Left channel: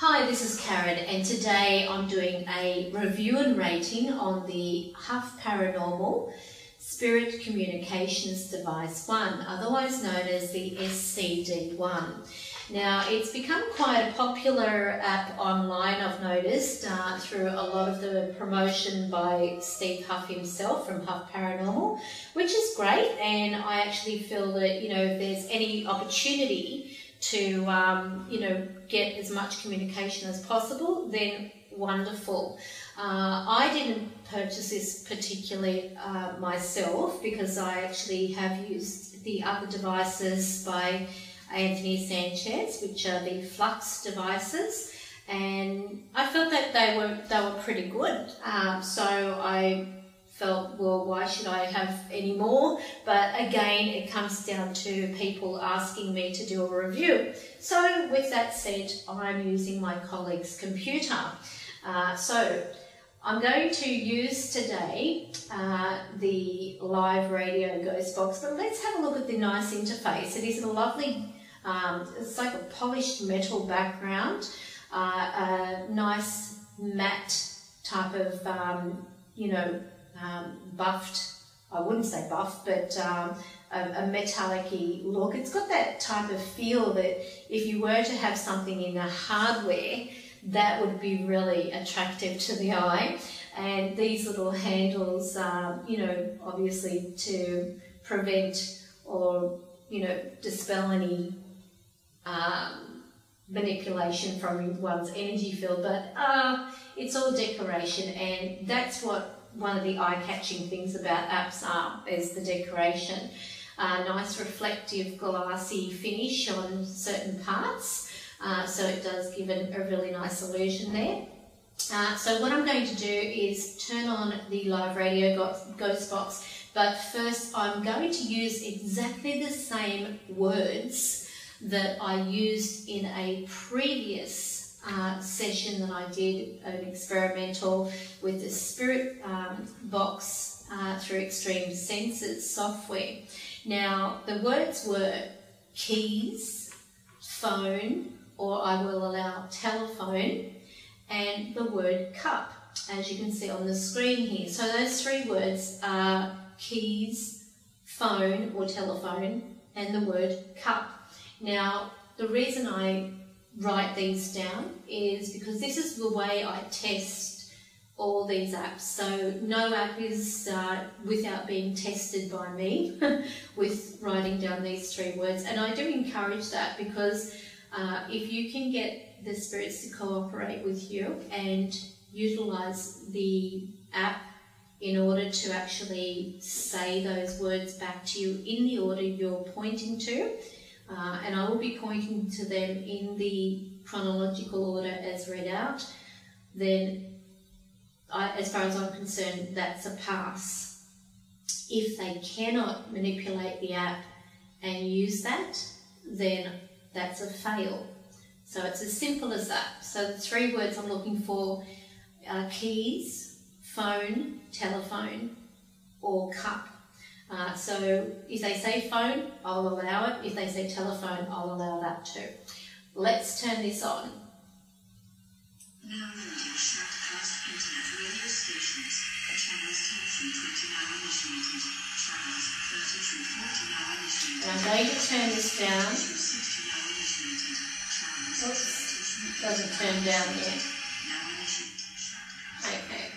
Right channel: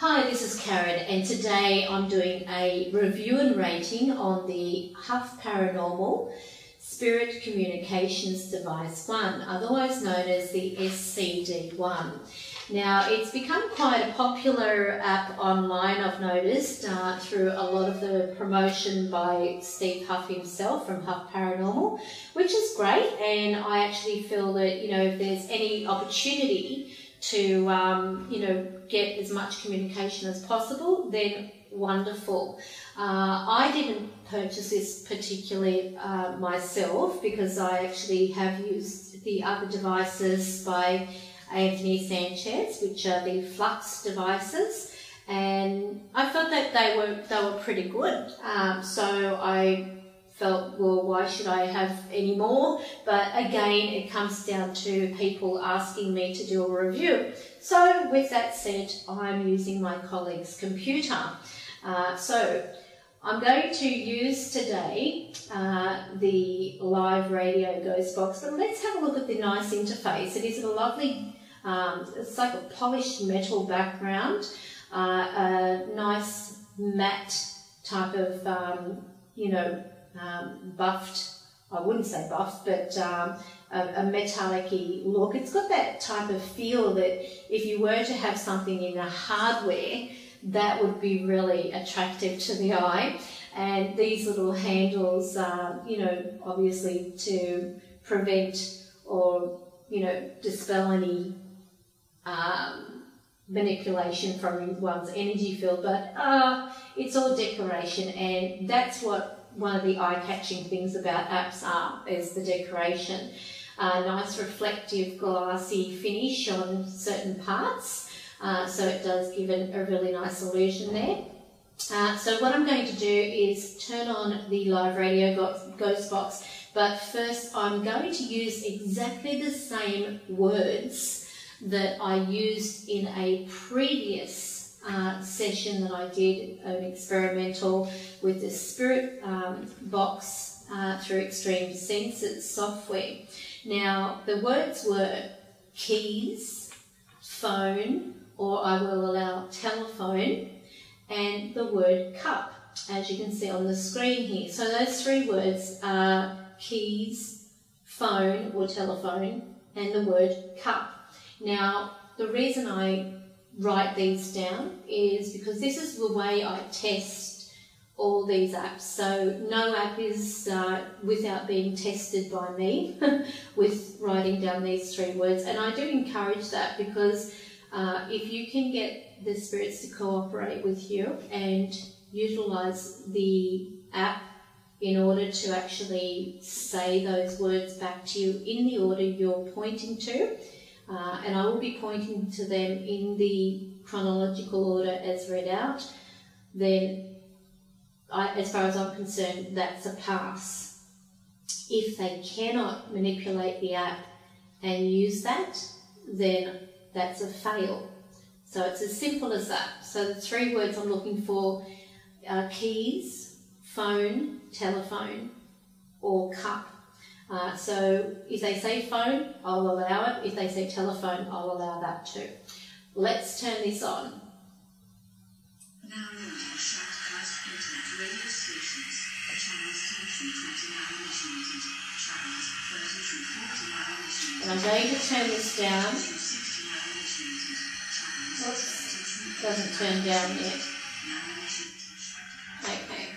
Hi, this is Karen, and today I'm doing a review and rating on the Huff Paranormal Spirit Communications Device 1, otherwise known as the SCD-1. Now, it's become quite a popular app online, I've noticed, through a lot of the promotion by Steve Huff himself from Huff Paranormal, which is great, and I actually feel that, if there's any opportunity to, get as much communication as possible, then wonderful. I didn't purchase this particularly myself, because I actually have used the other devices by Anthony Sanchez, which are the Flux devices, and I felt that they were pretty good. So I felt, well, why should I have any more? But again, it comes down to people asking me to do a review. So with that said, I'm using my colleague's computer. So I'm going to use today the live radio ghost box, but let's have a look at the nice interface. It is a lovely, it's like a polished metal background, a nice matte type of, buffed, I wouldn't say buffed, but a metallic-y look. It's got that type of feel that if you were to have something in the hardware, that would be really attractive to the eye. And these little handles, obviously to prevent or, dispel any manipulation from one's energy field, but it's all decoration, and that's what one of the eye-catching things about apps is the decoration. Nice reflective glassy finish on certain parts, so it does give it a really nice illusion there. So what I'm going to do is turn on the live radio ghost box, but first I'm going to use exactly the same words that I used in a previous session that I did, an experimental with the Spirit box through Extreme Senses software. Now, the words were keys, phone, or I will allow telephone, and the word cup, as you can see on the screen here. So those three words are keys, phone or telephone, and the word cup. Now, the reason I write these down is because this is the way I test all these apps. So no app is without being tested by me with writing down these three words, and I do encourage that, because if you can get the spirits to cooperate with you and utilize the app in order to actually say those words back to you in the order you're pointing to, and I will be pointing to them in the chronological order as read out, then as far as I'm concerned, that's a pass. If they cannot manipulate the app and use that, then that's a fail. So it's as simple as that. So the three words I'm looking for are keys, phone, telephone, or cup. So if they say phone, I'll allow it. If they say telephone, I'll allow that too. Let's turn this on. Now limited shortcast internet radio stations. Channels 10 through 20 now initiated. Channels 30 through 40 now initiated. And I'm going to turn this down. Through 60 now initiated. Channels Oops, doesn't turn down yet. now initiated. Okay.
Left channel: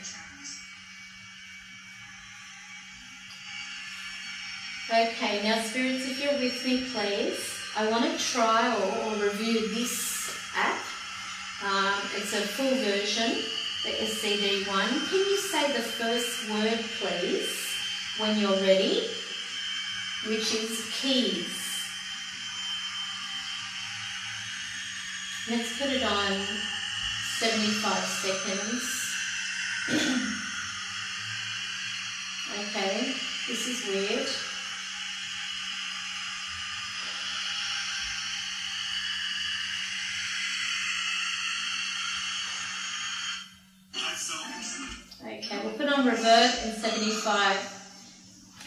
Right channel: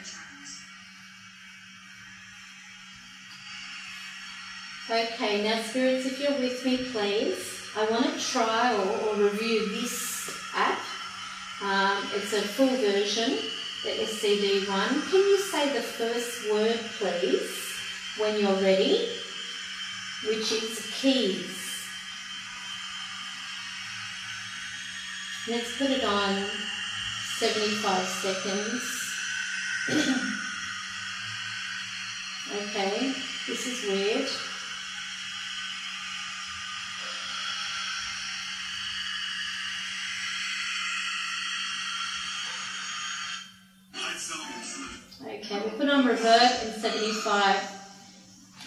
Okay, now spirits, if you're with me, please, I want to trial or review this app. It's a full version, the SCD-1. Can you say the first word, please, when you're ready, which is keys? Let's put it on 75 seconds. Okay, this is weird. Okay, we'll put on revert in 75.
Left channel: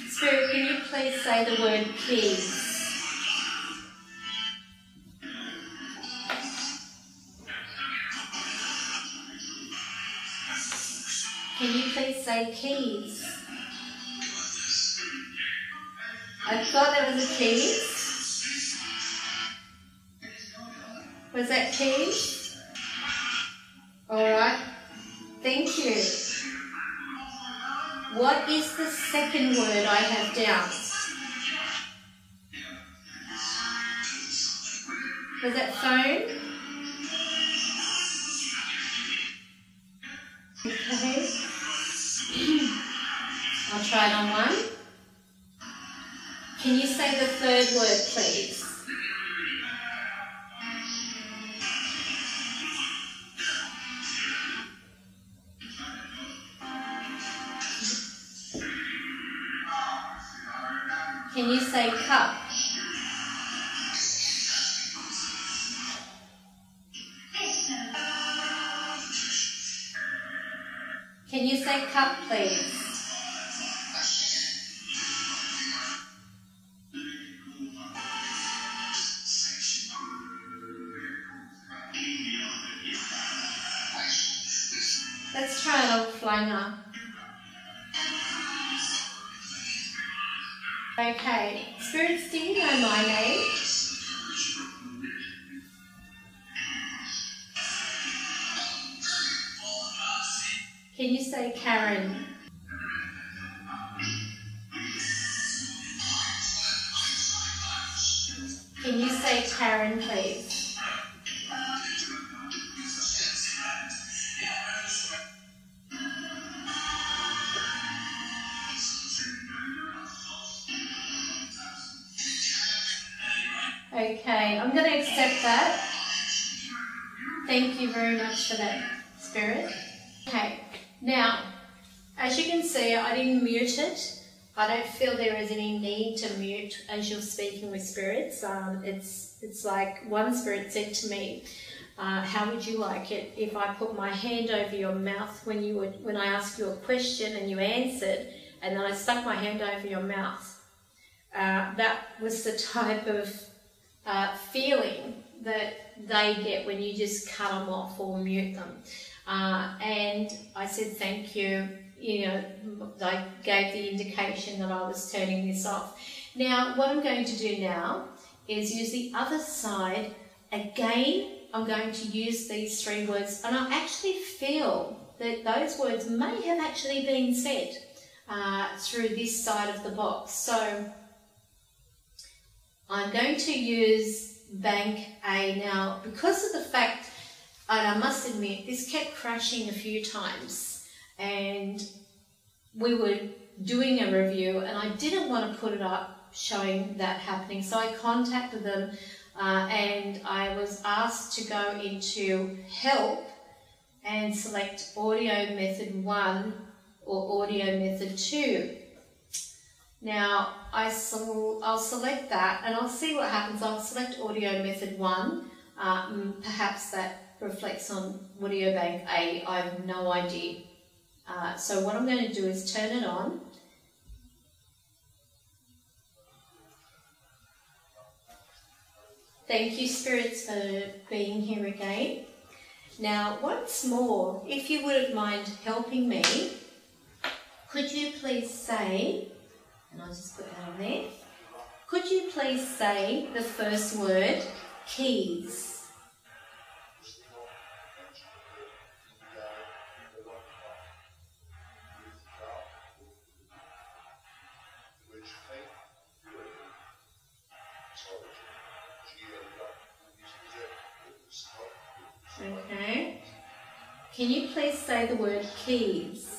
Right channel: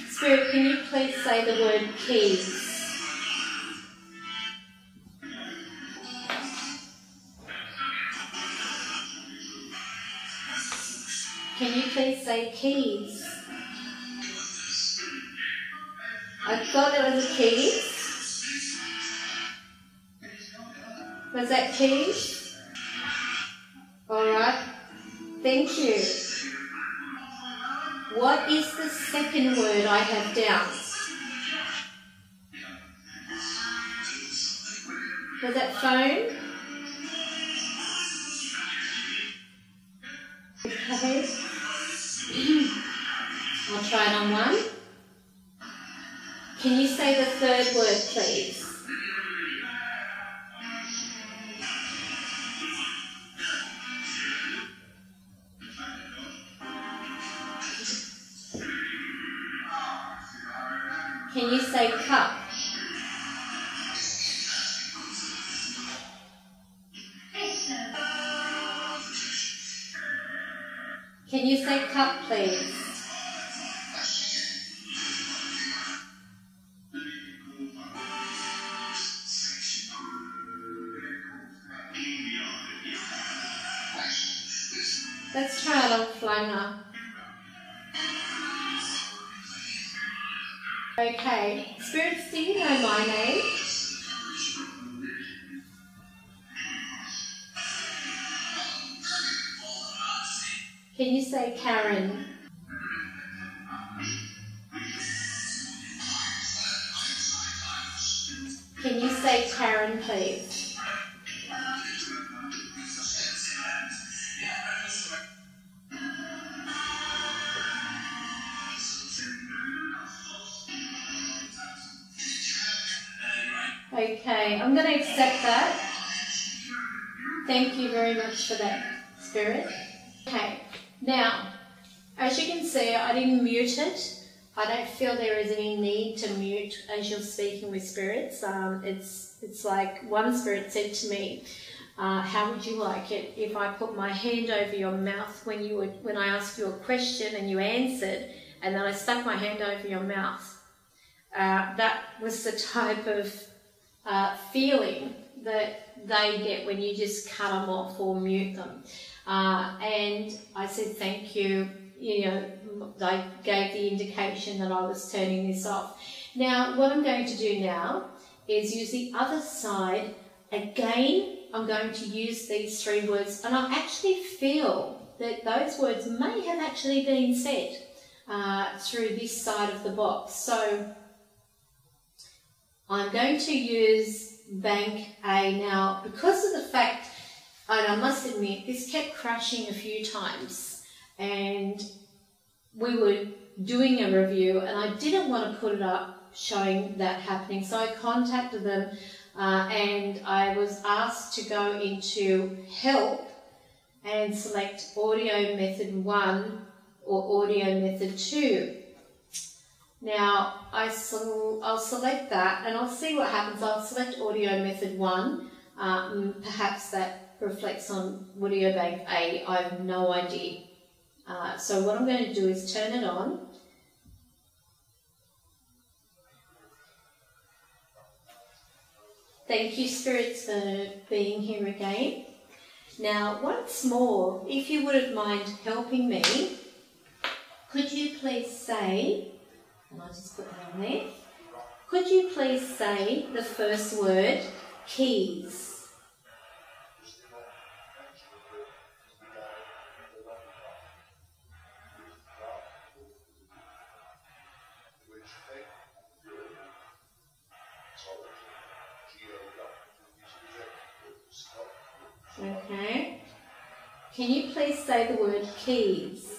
Spirit, can you please say the word keys? Can you please say keys? I thought that was a keys. Was that keys? Alright, thank you. What is the second word I have down? Was that phone? Okay. I'll try it on one. Can you say the third word, please? Can you say cup? Can you say cup, please? Let's try it on flanger. Okay, spirits, do you know my name? Can you say Karen? Can you say Karen, please? Okay, I'm going to accept that. Thank you very much for that, Spirit. Okay, now, as you can see, I didn't mute it. I don't feel there is any need to mute as you're speaking with spirits. It's like one spirit said to me, how would you like it if I put my hand over your mouth when I asked you a question and you answered, and then I stuck my hand over your mouth? That was the type of feeling that they get when you just cut them off or mute them. And I said, thank you. You know, I gave the indication that I was turning this off. Now, what I'm going to do now is use the other side. Again, I'm going to use these three words, and I actually feel that those words may have actually been said through this side of the box. So I'm going to use bank A now, because of the fact, and I must admit, this kept crashing a few times, and we were doing a review, and I didn't want to put it up showing that happening, so I contacted them, and I was asked to go into help and select audio method 1 or audio method 2. Now, I'll select that, and I'll see what happens. I'll select audio method 1. Perhaps that reflects on audio bank A. I have no idea. So what I'm going to do is turn it on. Thank you, spirits, for being here again. Now, once more, if you wouldn't mind helping me, could you please say, and I'll just put that on there, could you please say the first word, keys? Okay. Can you please say the word keys?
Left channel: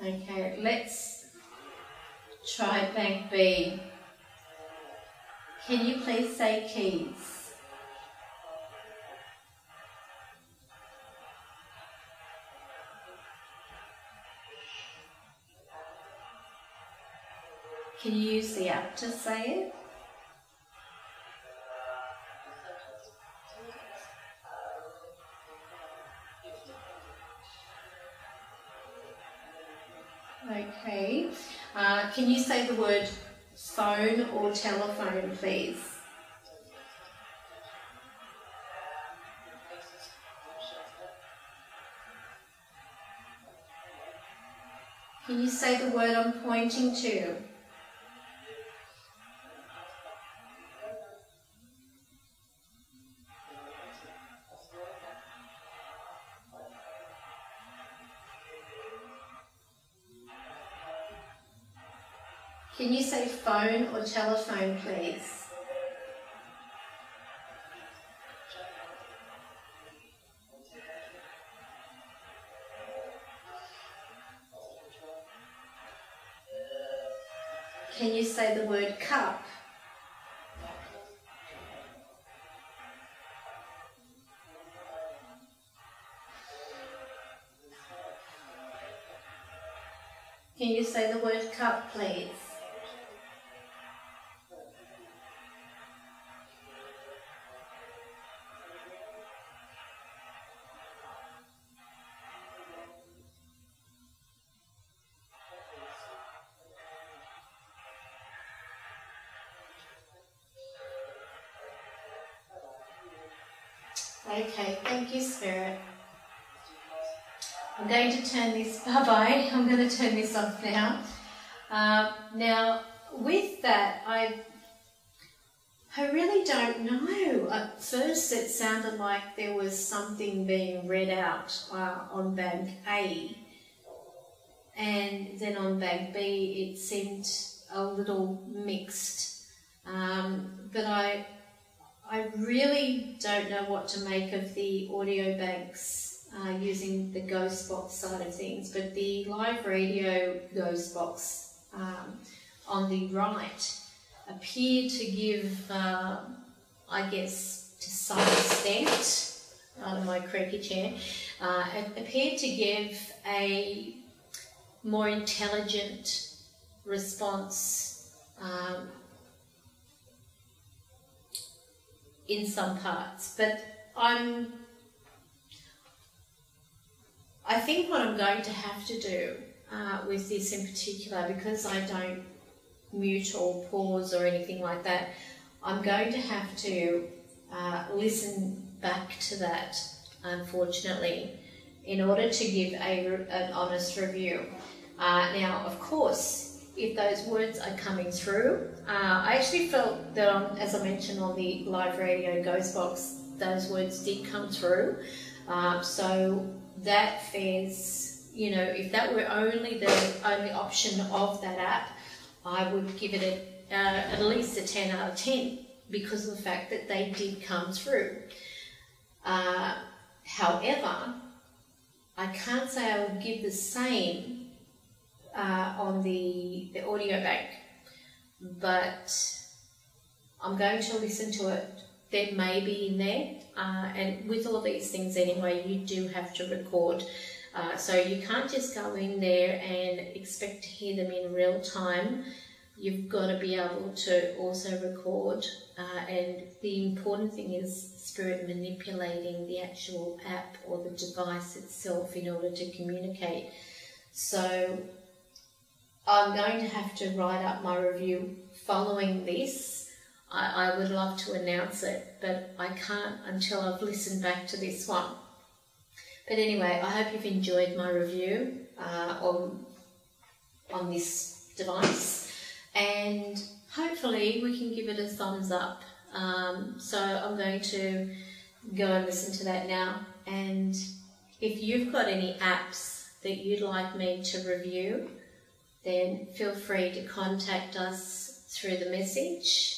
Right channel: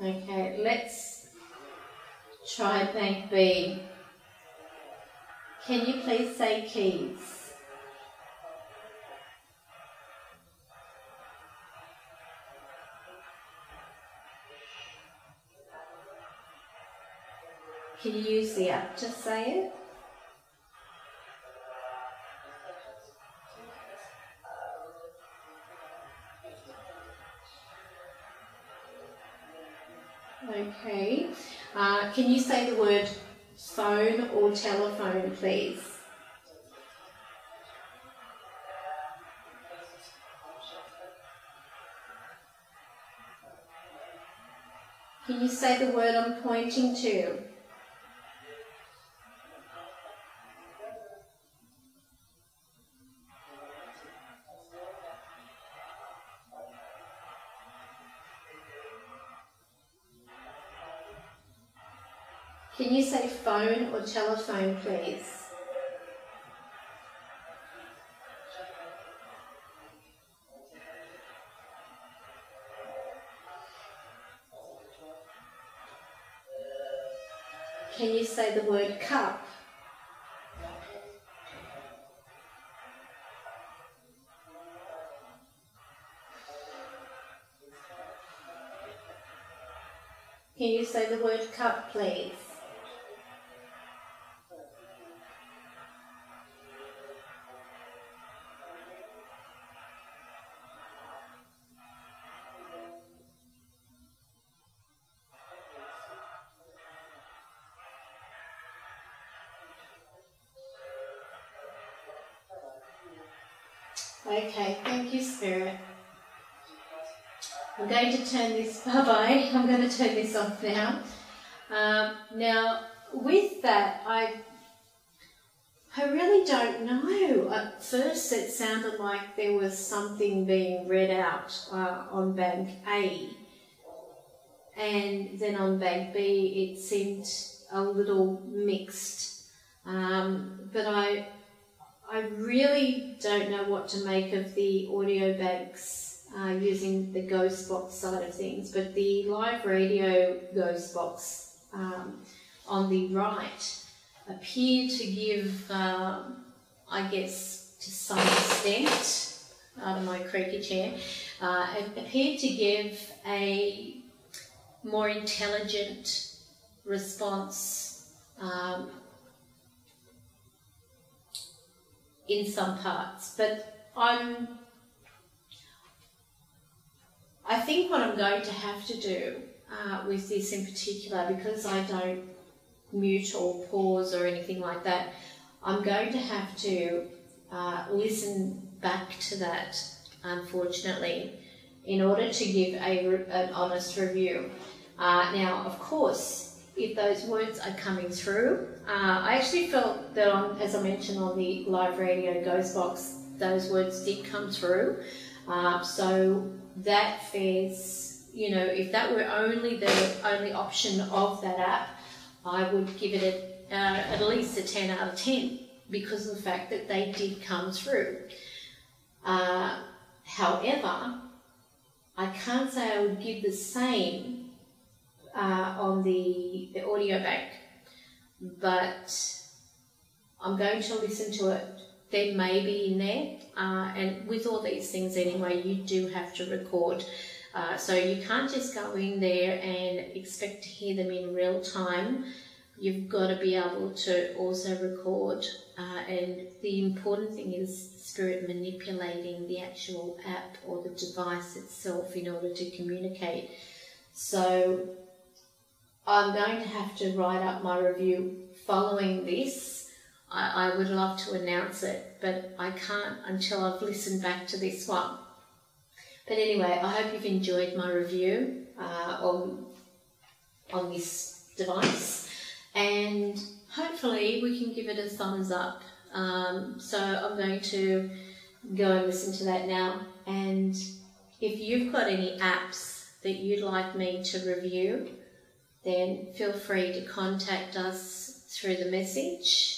Okay, let's try bank B. Can you please say keys? Can you use the app to say it? Okay. Can you say the word phone or telephone, please? Can you say the word I'm pointing to? Can you say phone or telephone, please? Can you say the word cup? Can you say the word cup, please? Okay, thank you, Spirit. I'm going to turn this, bye-bye, I'm going to turn this off now. Now, with that, I really don't know. At first it sounded like there was something being read out on bank A, and then on bank B it seemed a little mixed. But I really don't know what to make of the audio banks using the ghost box side of things, but the live radio ghost box on the right appeared to give, I guess to some extent, out of my creaky chair, it appeared to give a more intelligent response in some parts, but I think what I'm going to have to do with this in particular, because I don't mute or pause or anything like that, I'm going to have to listen back to that, unfortunately, in order to give an honest review. Now, of course, if those words are coming through, I actually felt that, as I mentioned on the live radio ghost box, those words did come through. So that fares, you know, if that were the only option of that app, I would give it at least a 10 out of 10 because of the fact that they did come through. However, I can't say I would give the same on the audio bank, but I'm going to listen to it. There may be in there, and with all these things anyway, you do have to record. So you can't just go in there and expect to hear them in real time. You've got to be able to also record, and the important thing is Spirit manipulating the actual app or the device itself in order to communicate. So I'm going to have to write up my review following this. I would love to announce it, but I can't until I've listened back to this one. But anyway, I hope you've enjoyed my review on this device, and hopefully we can give it a thumbs up. So I'm going to go and listen to that now, and if you've got any apps that you'd like me to review, then feel free to contact us through the message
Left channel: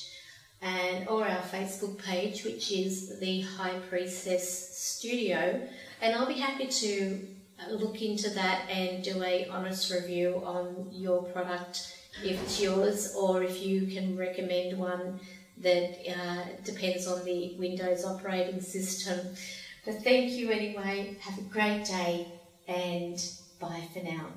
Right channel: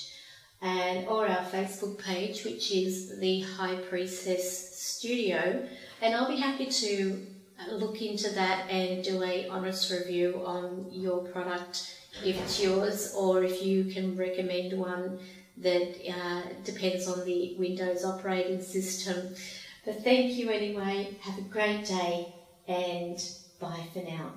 or our Facebook page, which is the High Priestess Studio, and I'll be happy to look into that and do a honest review on your product if it's yours, or if you can recommend one that depends on the Windows operating system. But thank you anyway, have a great day, and bye for now.